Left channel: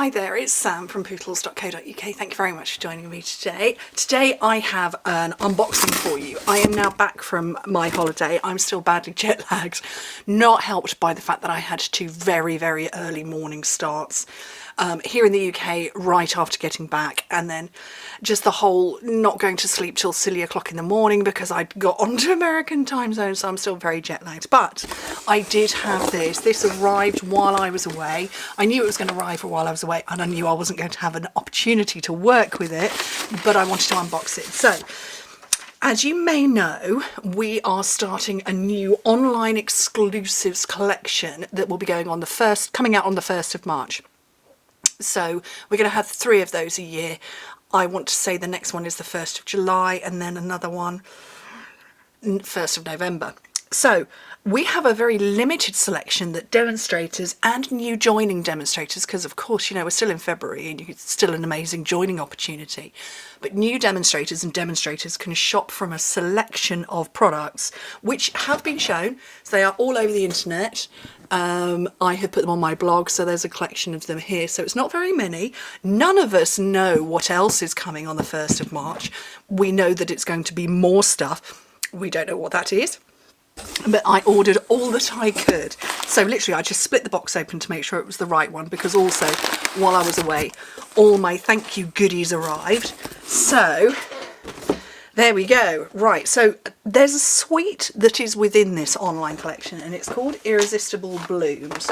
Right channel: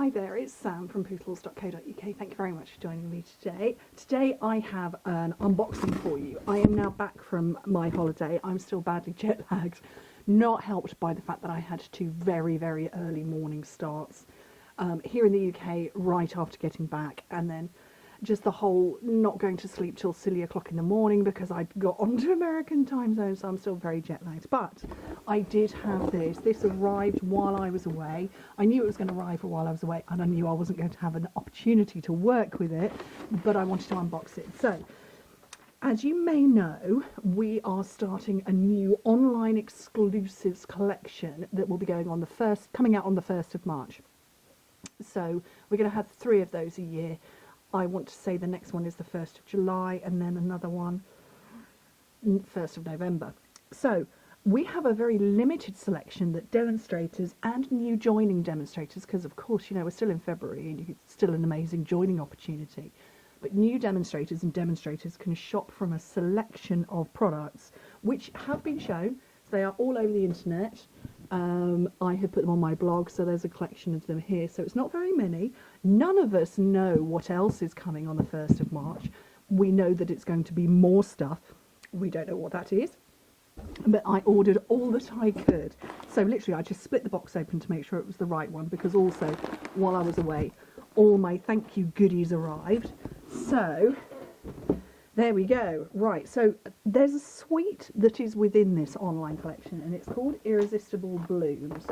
Hi there, it's Sam from Pootles.co.uk. Thank you very much for joining me today. Today I have an unboxing for you. I am now back from my holiday. I'm still badly jet lagged, not helped by the fact that I had two very, very early morning starts here in the UK right after getting back, and then just the whole not going to sleep till silly o'clock in the morning because I'd got onto American time zone, so I'm still very jet lagged. But I did have this. This arrived while I was away. I knew it was going to arrive while I was away, and I knew I wasn't going to have an opportunity to work with it, but I wanted to unbox it. So, as you may know, we are starting a new online exclusives collection that will be coming out on the 1st of March. So we're going to have 3 of those a year. I want to say the next one is the 1st of July and then another one 1st of November. So we have a very limited selection that demonstrators and new joining demonstrators, because of course, you know, we're still in February and it's still an amazing joining opportunity, but new demonstrators and demonstrators can shop from a selection of products which have been shown. So they are all over the internet. I have put them on my blog, so there's a collection of them here. So it's not very many. None of us know what else is coming on the 1st of March. We know that it's going to be more stuff. We don't know what that is. But I ordered all that I could. So literally I just split the box open to make sure it was the right one, because also while I was away, all my thank you goodies arrived. So there we go. Right, so there's a suite that is within this online collection and it's called Irresistible Blooms.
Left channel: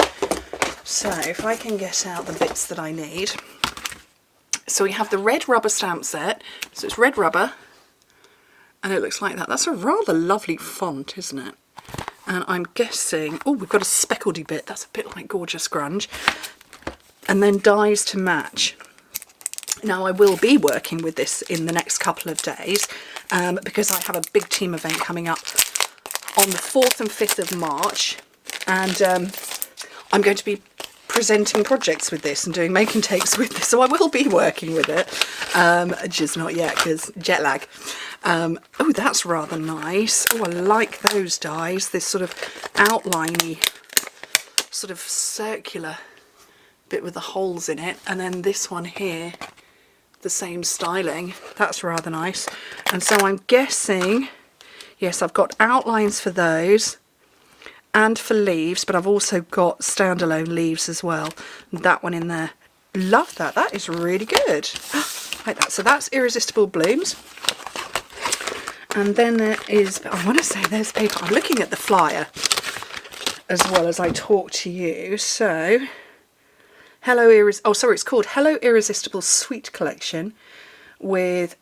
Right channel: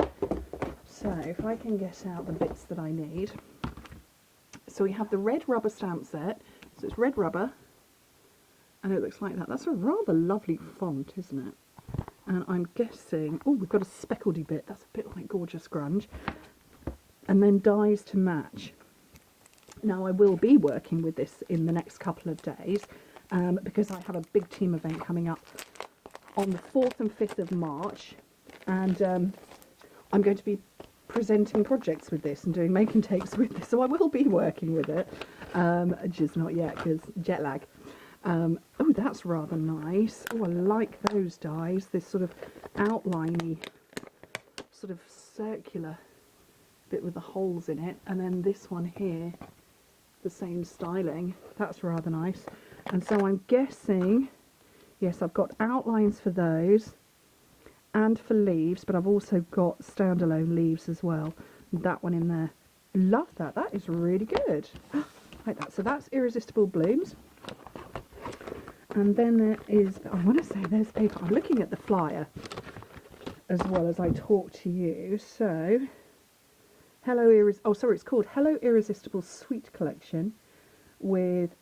So if I can get out the bits that I need. So we have the red rubber stamp set. So it's red rubber and it looks like that. That's a rather lovely font, isn't it? And I'm guessing, oh, we've got a speckledy bit. That's a bit like Gorgeous Grunge. And then dies to match. Now I will be working with this in the next couple of days because I have a big team event coming up on the 4th and 5th of March, and I'm going to be presenting projects with this and doing making takes with this, so I will be working with it, just not yet because jet lag. Oh, that's rather nice. Oh, I like those dies, this sort of outliney, sort of circular bit with the holes in it, and then this one here, the same styling. That's rather nice. And so I'm guessing, yes, I've got outlines for those and for leaves, but I've also got standalone leaves as well. That one in there. Love that. That is really good. Like that. So that's Irresistible Blooms. And then there is, I want to say there's paper. I'm looking at the flyer as well as I talk to you. So it's called Hello Irresistible Sweet Collection, with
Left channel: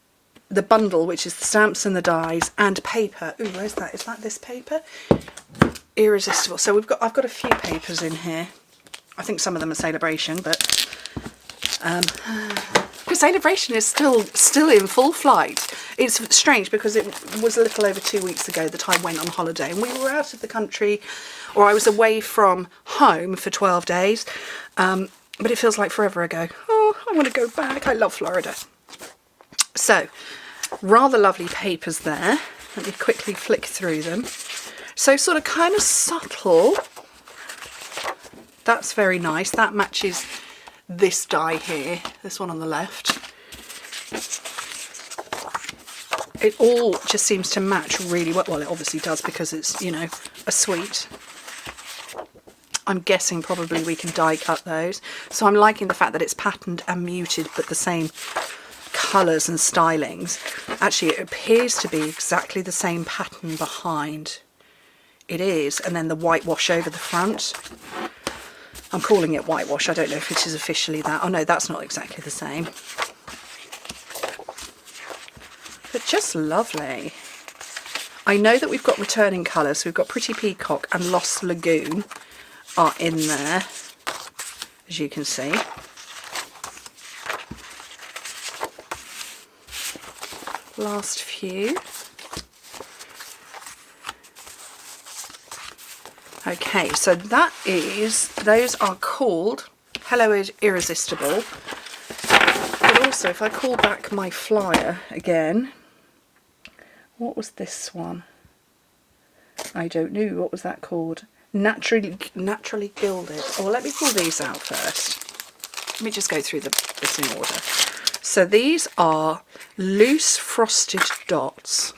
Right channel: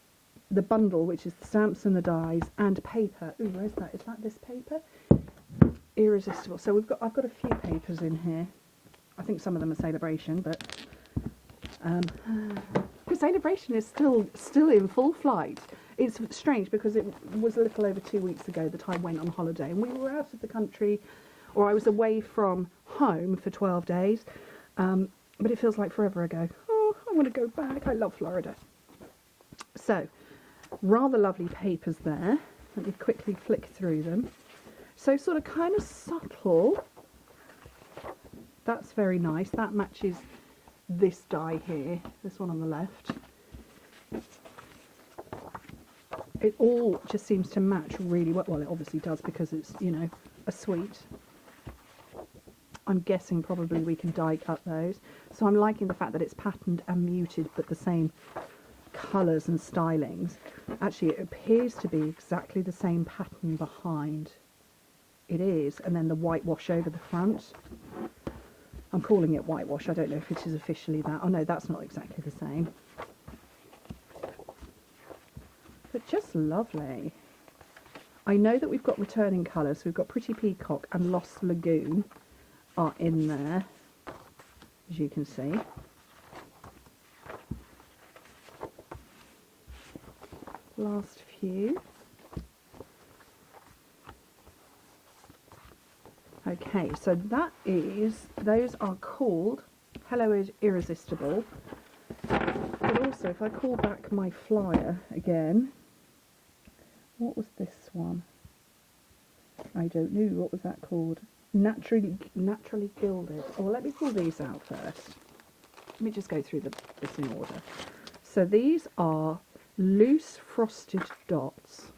the bundle, which is the stamps and the dies and paper. Ooh, where's that? Is that this paper? Irresistible. So I've got a few papers in here. I think some of them are Celebration, but because Celebration is still in full flight. It's strange because it was a little over 2 weeks ago that I went on holiday and we were out of the country, or I was away from home for 12 days. But it feels like forever ago. Oh, I want to go back. I love Florida. So, rather lovely papers there. Let me quickly flick through them. So sort of kind of subtle. That's very nice. That matches this die here. This one on the left. It all just seems to match really well. Well, it obviously does because it's, you know, a suite. I'm guessing probably we can die cut those. So I'm liking the fact that it's patterned and muted, but the same colours and stylings. Actually, it appears to be exactly the same pattern behind. It is. And then the whitewash over the front. I'm calling it whitewash. I don't know if it is officially that. Oh no, that's not exactly the same. But just lovely. I know that we've got returning colours. So we've got Pretty Peacock and Lost Lagoon are in there, as you can see. Last few. Okay, so those are called Hello Irresistible. But also, if I call back my flyer again, what was this one? I don't know. What was that called? Naturally Gilded. Oh, well, let me pull these out first. Let me just go through this in order. So these are loose frosted dots,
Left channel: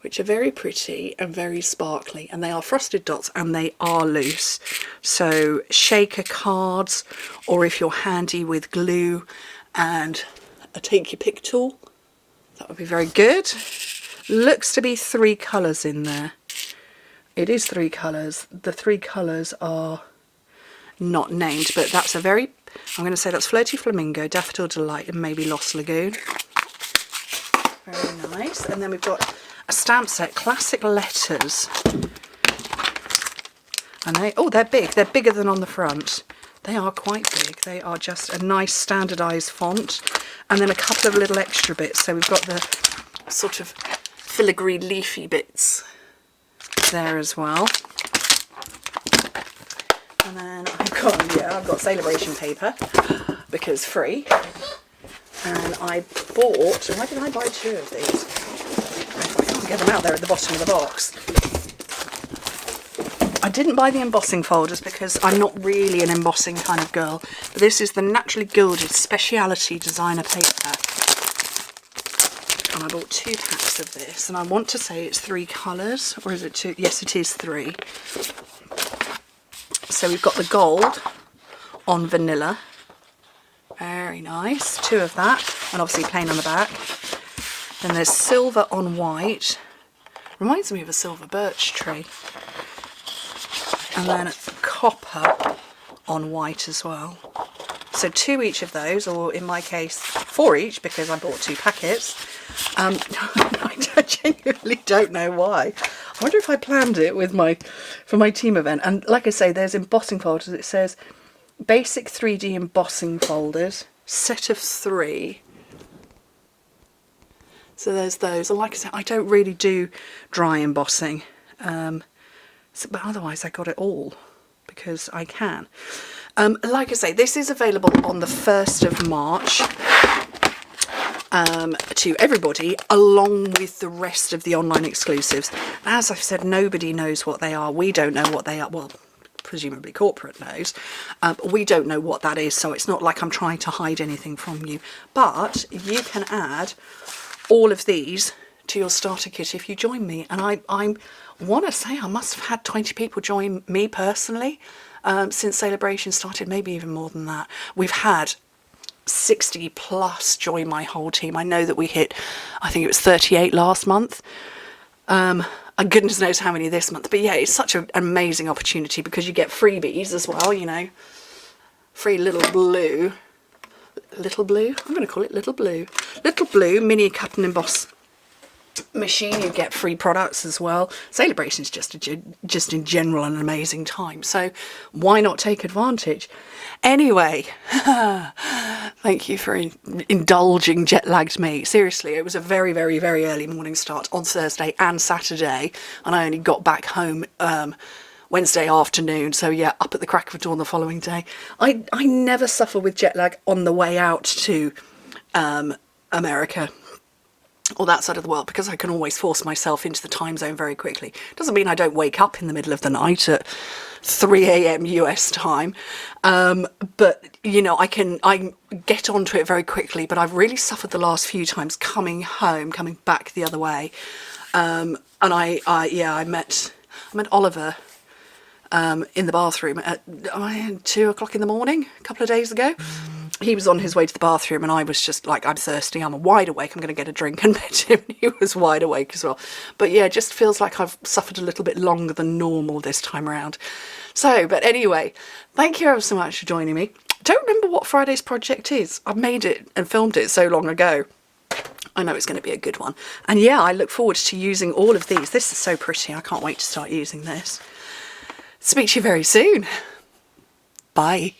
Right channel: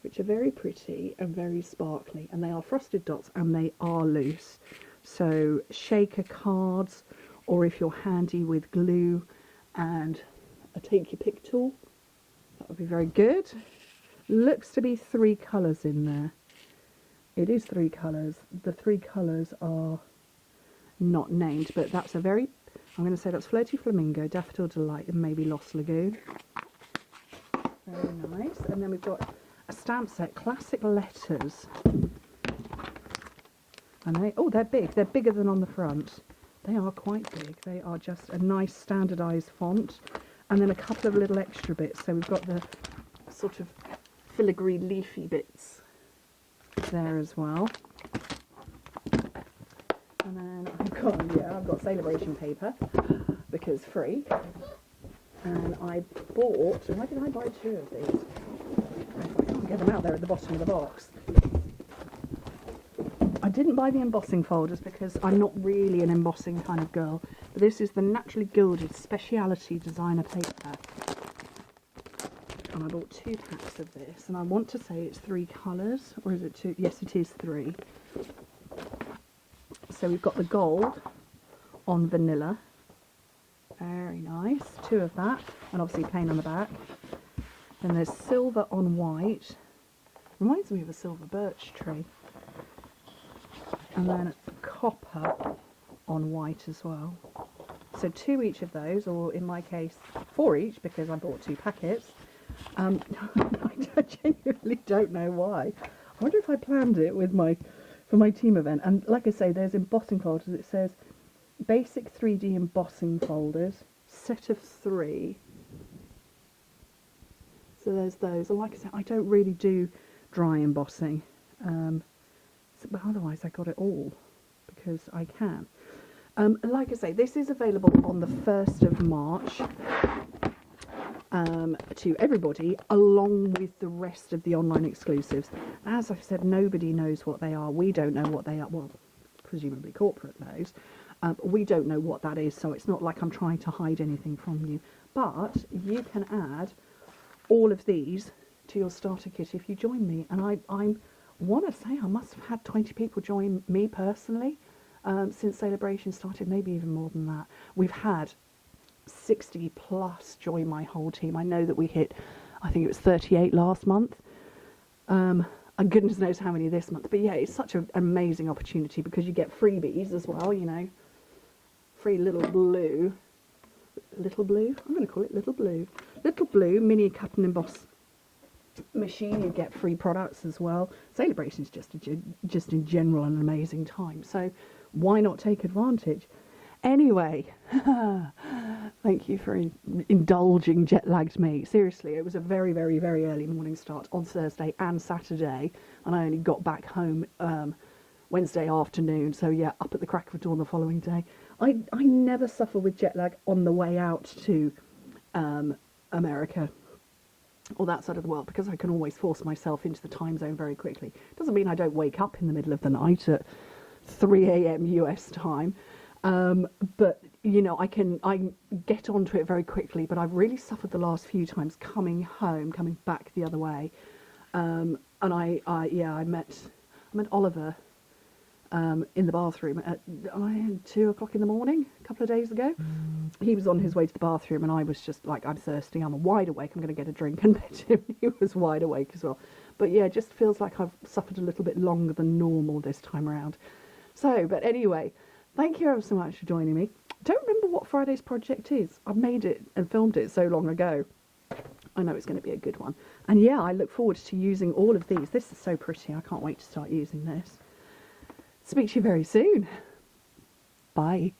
which are very pretty and very sparkly, and they are frosted dots and they are loose. So shaker cards, or if you're handy with glue and a take your pick tool, that would be very good. Looks to be 3 colours in there. It is 3 colours. The 3 colours are not named, but that's a very, I'm going to say that's Flirty Flamingo, Daffodil Delight, and maybe Lost Lagoon. Very nice. And then we've got a stamp set, Classic Letters. And they're big. They're bigger than on the front. They are quite big. They are just a nice standardised font. And then a couple of little extra bits. So we've got the sort of filigree leafy bits there as well. And then I've got Celebration paper, because free. And I bought, why did I buy 2 of these? I can't get them out there at the bottom of the box. I didn't buy the embossing folders because I'm not really an embossing kind of girl. But this is the Naturally Gilded Speciality Designer paper. And I bought 2 packs of this. And I want to say it's 3 colours. Or is it 2? Yes, it is 3. So we've got the gold on vanilla. Very nice. 2 of that. And obviously plain on the back. Then there's silver on white. Reminds me of a silver birch tree. And then copper on white as well. So 2 each of those, or in my case 4 each, because I bought 2 packets. I genuinely don't know why. I wonder if I planned it with for my team event. And like I say, there's embossing folders. It says basic 3D embossing folders, set of 3. So there's those. And like I said, I don't really do dry embossing. But otherwise I got it all because I can. Like I say, this is available on the 1st of March to everybody, along with the rest of the online exclusives. As I've said, nobody knows what they are. We don't know what they are. Well, presumably corporate knows. But we don't know what that is, so it's not like I'm trying to hide anything from you. But you can add all of these to your starter kit if you join me. And I want to say I must have had 20 people join me personally since Celebration started, maybe even more than that. We've had 60 plus join my whole team. I know that we hit, I think it was 38 last month. And goodness knows how many this month. But yeah, it's such an amazing opportunity because you get freebies as well, you know. Free Little Blue. Little Blue? I'm going to call it Little Blue. Little Blue mini cut and emboss machine. You get free products as well. Celebration is just in general an amazing time, so why not take advantage? Anyway, thank you for indulging jet-lagged me. Seriously, it was a very, very, very early morning start on Thursday and Saturday, and I only got back home Wednesday afternoon, so yeah, up at the crack of dawn the following day. I never suffer with jet lag on the way out to America or that side of the world, because I can always force myself into the time zone very quickly. Doesn't mean I don't wake up in the middle of the night at 3 a.m. US time, but you know, I get onto it very quickly. But I've really suffered the last few times coming back the other way, and I met Oliver in the bathroom at 2 o'clock in the morning a couple of days ago. He was on his way to the bathroom and I was just like, I'm thirsty, I'm wide awake, I'm going to get a drink, and met him. He was wide awake as well. But yeah, it just feels like I've suffered a little bit longer than normal this time around. So, but anyway, thank you ever so much for joining me. Don't remember what Friday's project is. I made it and filmed it so long ago. I know it's going to be a good one. And yeah, I look forward to using all of these. This is so pretty. I can't wait to start using this. Speak to you very soon. Bye.